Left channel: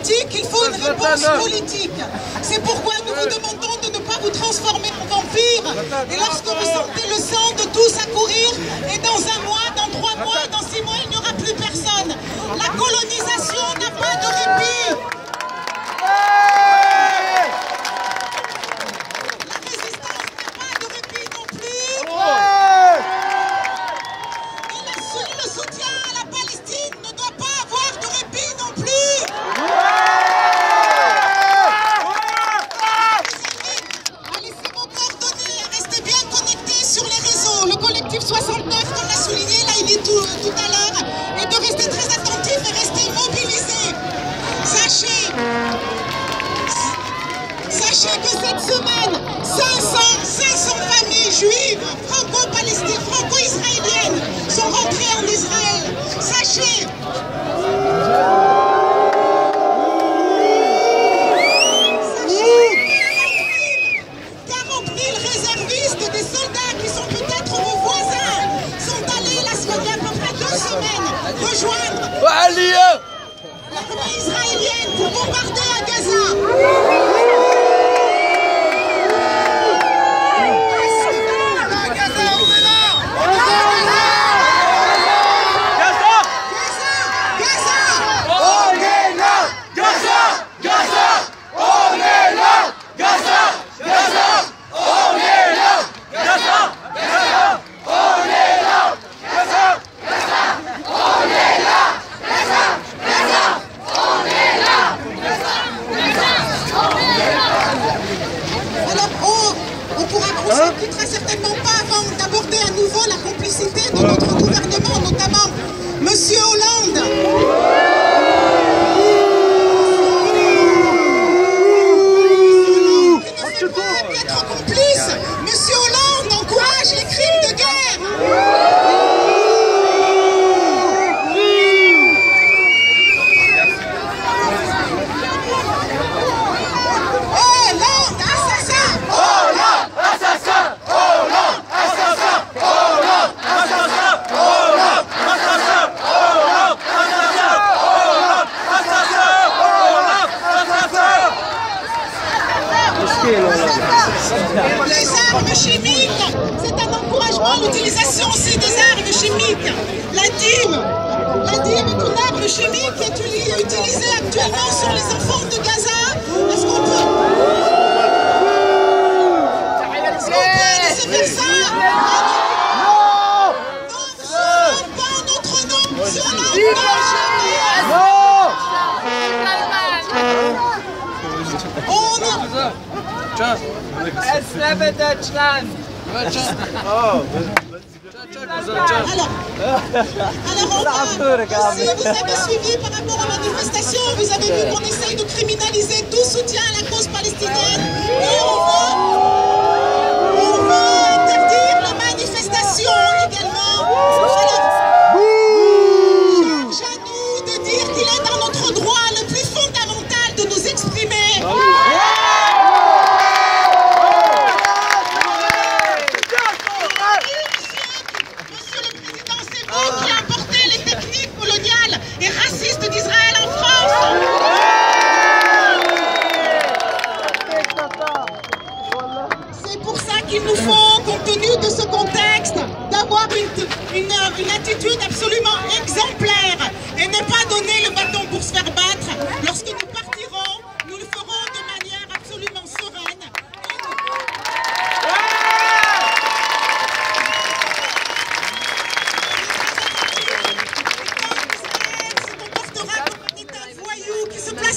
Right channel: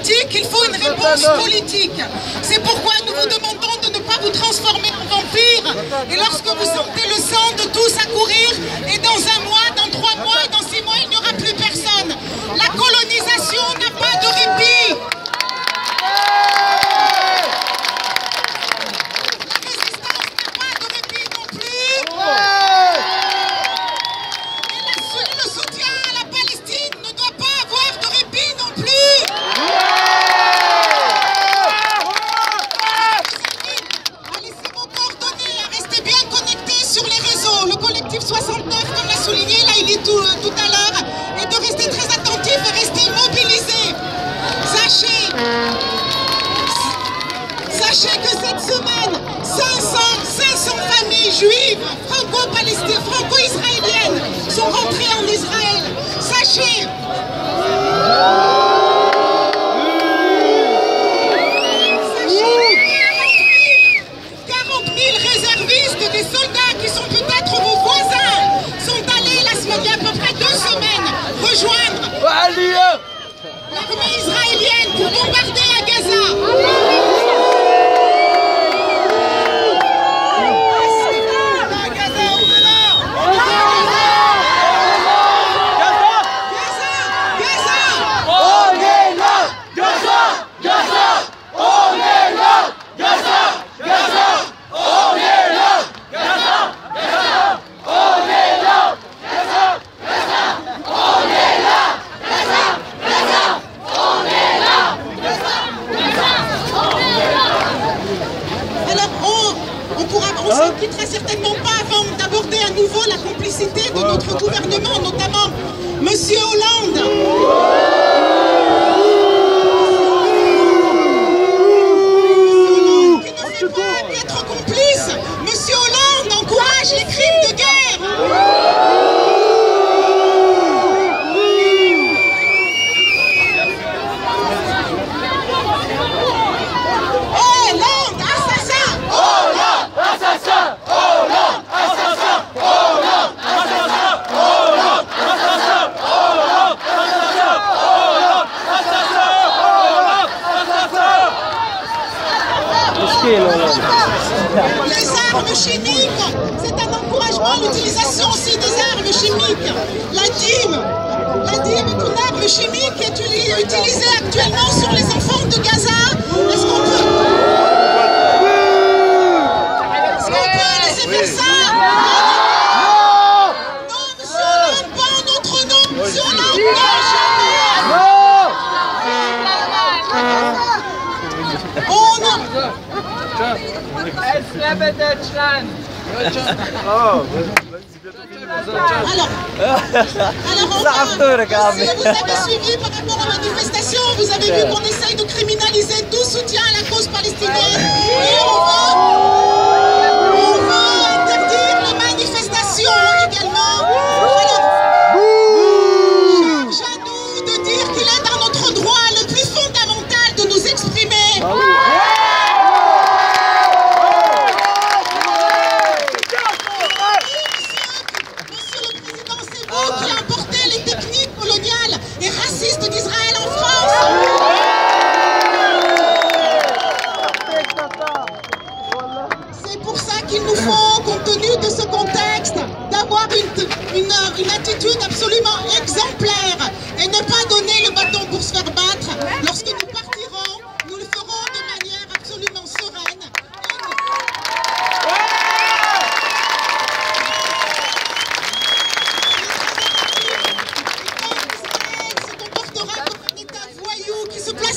politique, il faut une réponse politique. C'est pourquoi nous vous demandons de ne pas vous transformer en vampire. Et lorsque vous sentez le sang de tous accourir, et dans 1 mois, dans 3 mois, dans 6 mois, il n'y aura plus personne. La colonisation n'a pas de répit. La résistance n'a pas de répit non plus. Et le soutien à la Palestine ne doit pas avoir de répit non plus. À laisser vos coordonnées, à rester bien connectés sur les réseaux. Le collectif 69, comme l'a souligné Laïli tout à l'heure, et de rester très attentif et rester mobilisé. Sachez que cette semaine, 500 familles juives franco-israéliennes sont rentrées en Israël. Sachez 40 000 réservistes, des soldats qui sont peut-être vos voisins, sont allés il y a à peu près 2 semaines rejoindre l'armée israélienne pour bombarder à Gaza. On ne se quittera certainement pas avant d'aborder à nouveau la complicité de notre gouvernement, notamment M. Hollande. Qui ne fait pas être complice. M. Hollande encourage les crimes de guerre. Les armes chimiques, c'est un encouragement à l'utilisation aussi des armes chimiques. La dîme est une arme chimique qui est utilisée actuellement sur les enfants de Gaza. Est-ce qu'on peut laisser faire ça? Non, monsieur Hollande, pas en notre nom. Monsieur Hollande, non, jamais. On Alors, si vous avez suivi par rapport aux manifestations, vous avez vu qu'on essaye de criminaliser tout soutien à la cause palestinienne et on veut interdire les manifestations également. Alors, charge à nous de dire qu'il est dans notre droit le plus fondamental de nous exprimer. Qui a importé les techniques coloniales et racistes d'Israël en France. C'est pour ça qu'il nous faut, compte tenu de ce contexte, d'avoir une attitude absolument exemplaire et ne pas donner le bâton pour se faire battre. Lorsque nous partirons, nous le ferons de manière absolument sereine.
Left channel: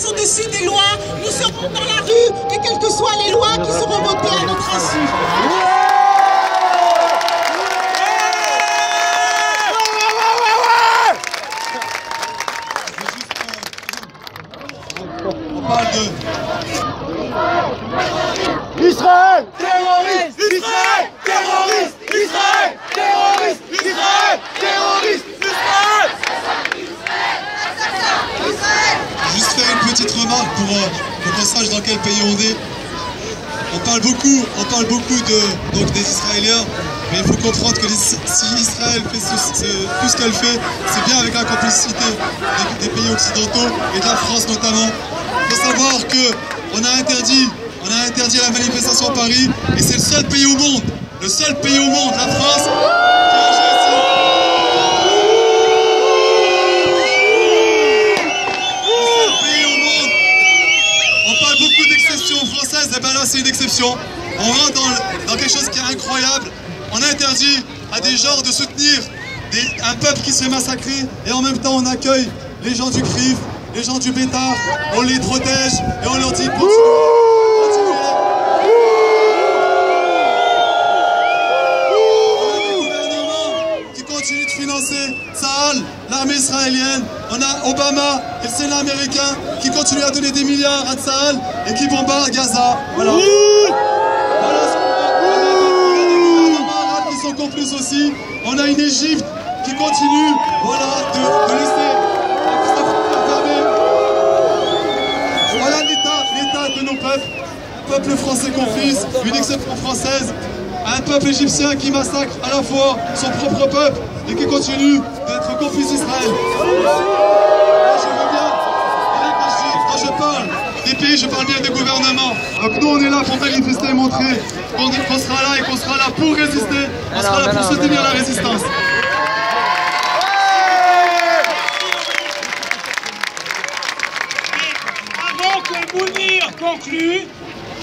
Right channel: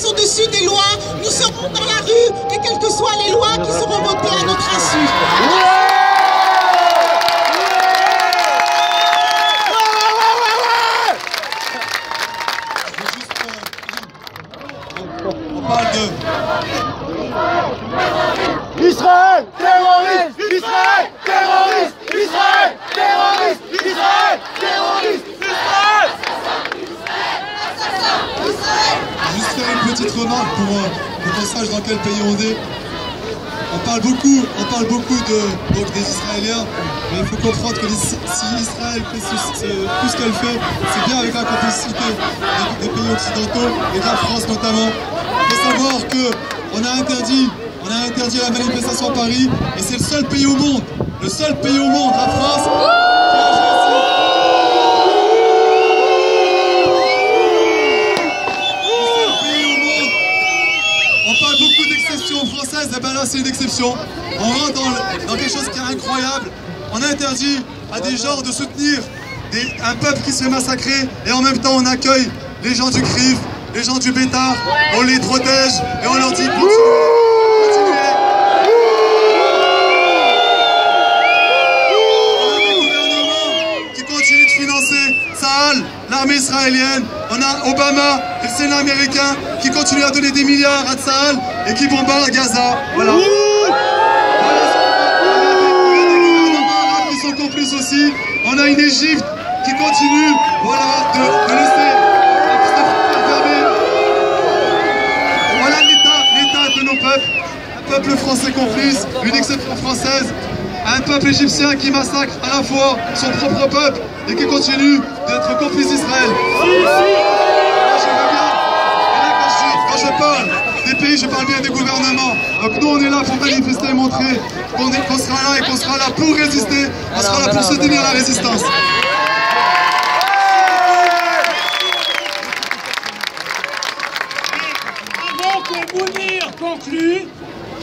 Au-dessus des lois, nous serons dans la rue et quelles que soient les lois qui seront votées à notre insu. On parle de Israël terroriste, Israël terroriste, Israël terroriste, Israël terroriste, Israël. Juste faire une petite remarque pour qu'on sache dans quel pays on est. On parle beaucoup donc des Israéliens, mais il faut comprendre que si Israël fait tout ce qu'elle fait, c'est bien avec la complicité des pays occidentaux et de la France notamment. Il faut savoir qu'on a interdit la manifestation à Paris et c'est le seul pays au monde, la France, qui a agi ainsi. Le seul pays au monde. On parle beaucoup d'exceptions françaises, et ben là c'est une exception. On rentre dans quelque chose qui est incroyable. On interdit à des gens de soutenir un peuple qui se fait massacrer et en même temps on accueille les gens du CRIF, les gens du Bétard, on les protège et on leur dit continuez. On a des gouvernements qui continuent de financer Tsahal, l'armée israélienne. On a Obama et le Sénat américain qui continuent à donner des milliards à Tsahal et qui bombardent Gaza. Voilà. Complices aussi, on a une Égypte qui continue, voilà, de laisser sa frontière fermée. Voilà l'état de nos peuples, un peuple français compris, une exception française, un peuple égyptien qui massacre à la fois son propre peuple et qui continue d'être complice d'Israël. Là, je veux bien, et là quand je parle des pays, je parle bien des gouvernements. Donc nous on est là pour manifester et montrer qu'on sera là et qu'on sera là pour résister, on sera là pour soutenir la résistance. Avant que Mounir conclue,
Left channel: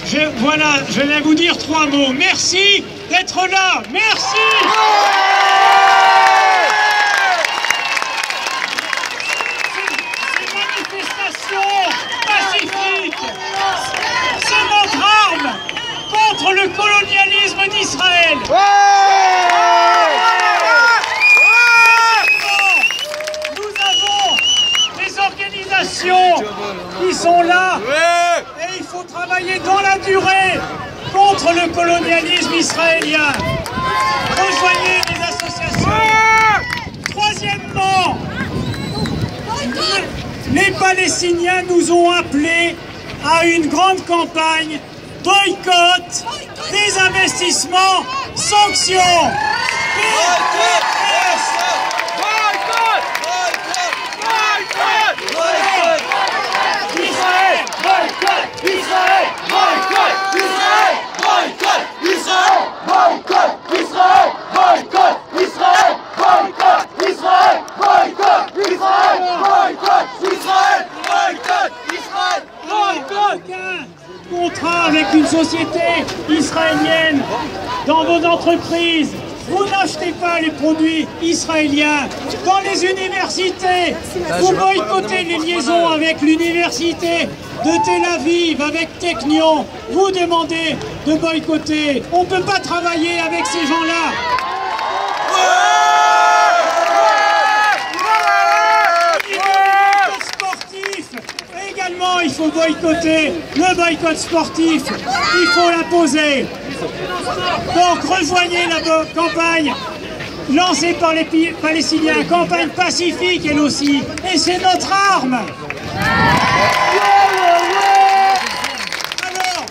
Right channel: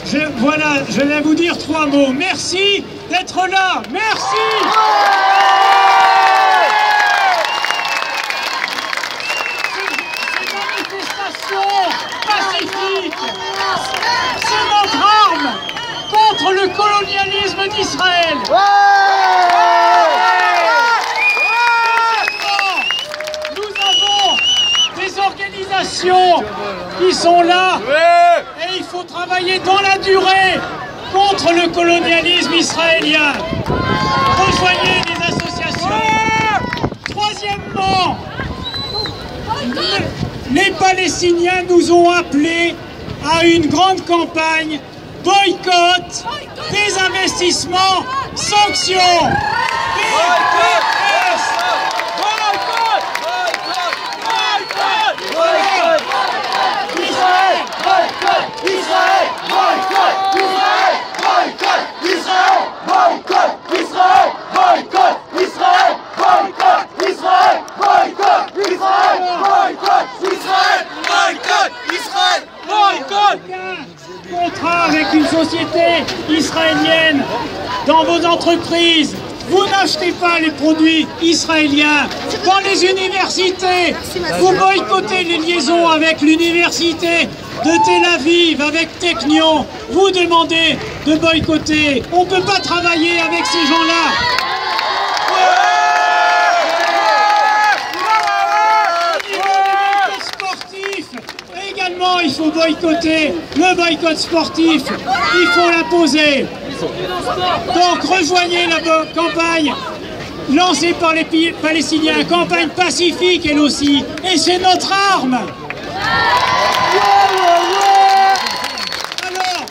je vais vous dire 3 mots. Merci d'être là, merci. Ces manifestations pacifiques, c'est notre arme contre le colonialisme d'Israël. Nous avons des organisations qui sont là et il faut travailler dans la durée contre le colonialisme israélien. Rejoignez les associations. Troisièmement, les Palestiniens nous ont appelés à une grande campagne. Boycott, désinvestissement, sanctions. Contrat avec une société israélienne dans vos entreprises. Vous n'achetez pas les produits israéliens. Dans les universités, vous boycottez les liaisons avec l'université de Tel Aviv, avec Technion. Vous demandez de boycotter. On ne peut pas travailler avec ces gens-là. Également, il faut boycotter le boycott sportif. Il faut l'imposer. Donc, rejoignez la campagne lancée par les Palestiniens, campagne pacifique elle aussi. Et c'est notre arme. Alors,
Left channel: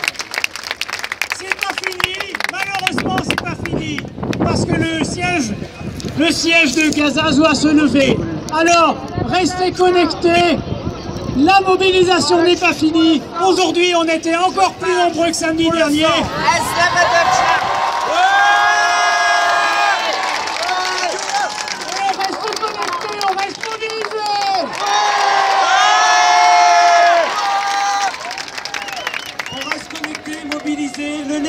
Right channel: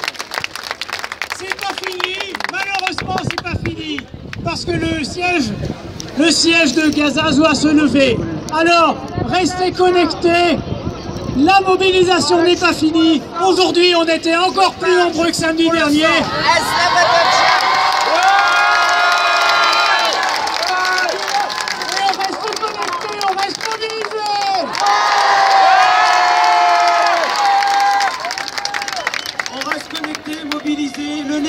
c'est pas fini. Malheureusement, c'est pas fini. Parce que le siège de Gaza doit se lever. Alors, restez connectés. La mobilisation n'est pas finie. Aujourd'hui, on était encore plus nombreux que samedi dernier. On reste connectés, on reste mobilisés. On reste connectés, mobilisés. Le nerf